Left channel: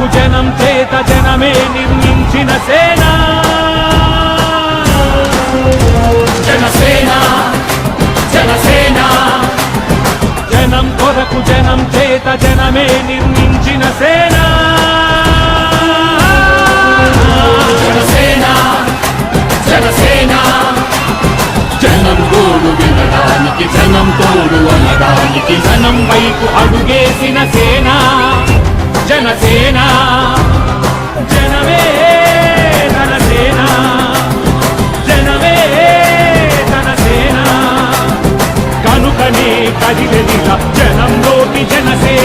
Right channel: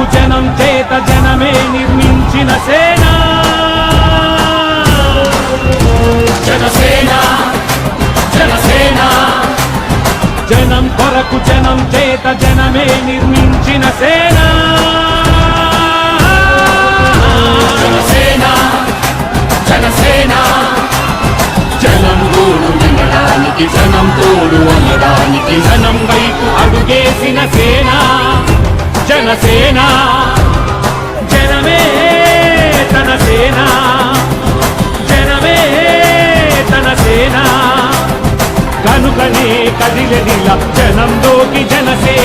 బహుజనం చేత జనమే నిర్మించిన సేన.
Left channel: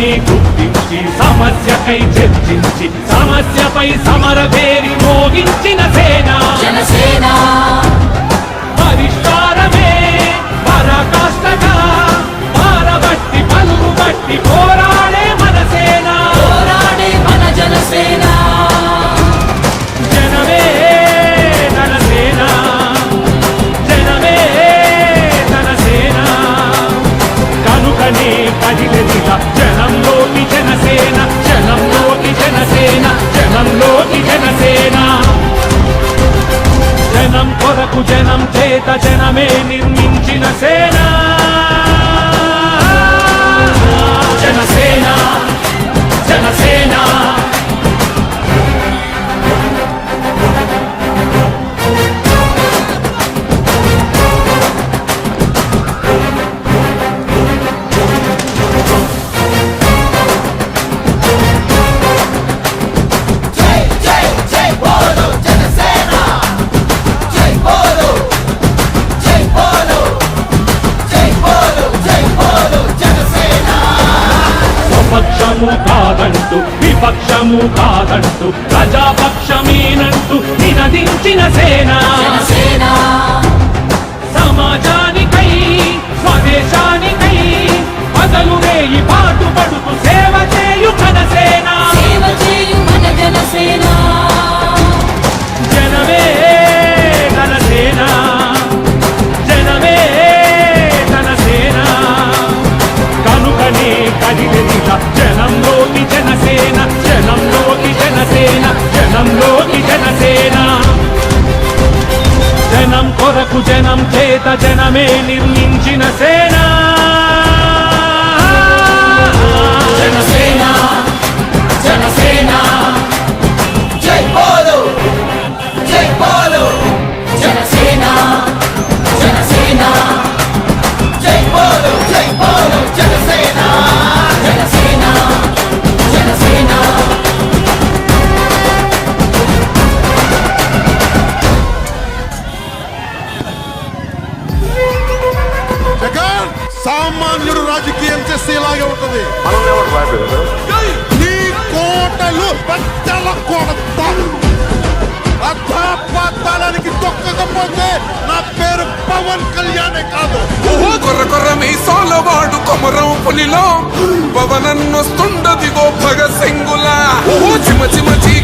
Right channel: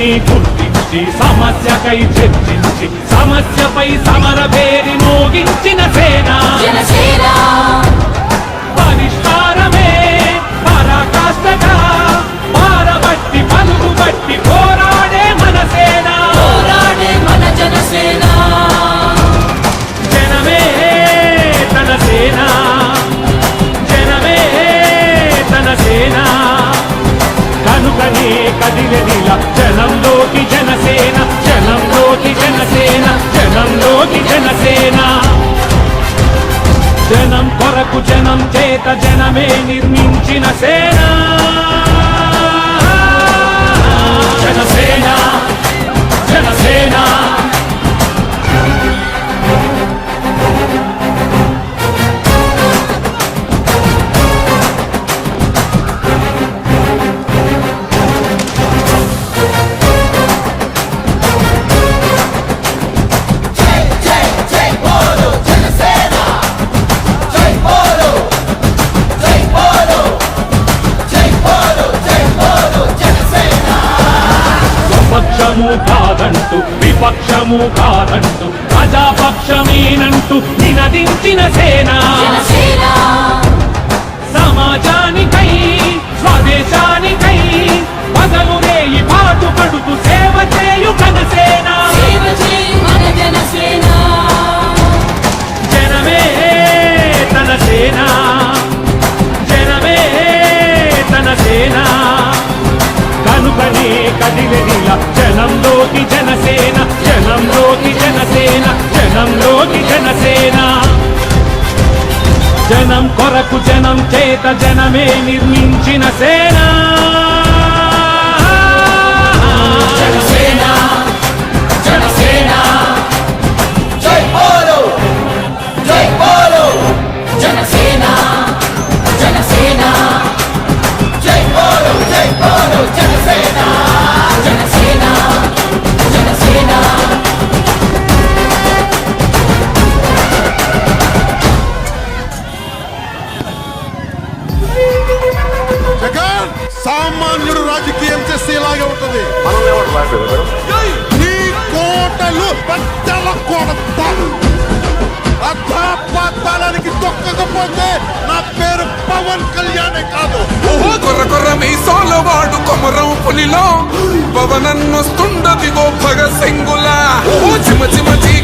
సమస్యని గుర్తించి సమస్యకై చర్చించి సమస్యపై సమర పేరి మోగించిన సేన. జనసేన. కనుకనే కదిలెదిల జనంలోకి జనసేన జనంలోకి జనసేన జనంలోకి జనసేన. జనం కొరకు జనం చేత జనమే నిర్మించిన సేన. జనసేన స్వపక్షము కాదంటూ విపక్షము కాదంటూ ప్రజాపక్షమేనంటూ చేత నిర్మించిన సేన. సామాన్యుడు రాజకీయం చేస్తే ఇలాగే ఉంటుంది. నీ కోటలు పెద్దల కొడత. అధాపాతాళానికి తొక్కకపోతే నా పేరు పవన్ కళ్యాణే కాదు. ఓహో కొర్ర కొర్ర మీసాల వాడు కొమరం పులిలో. పవనన్నొస్తుండదిగో భగత్ సింగులా. ఓహో చిమ చిమ వేదరా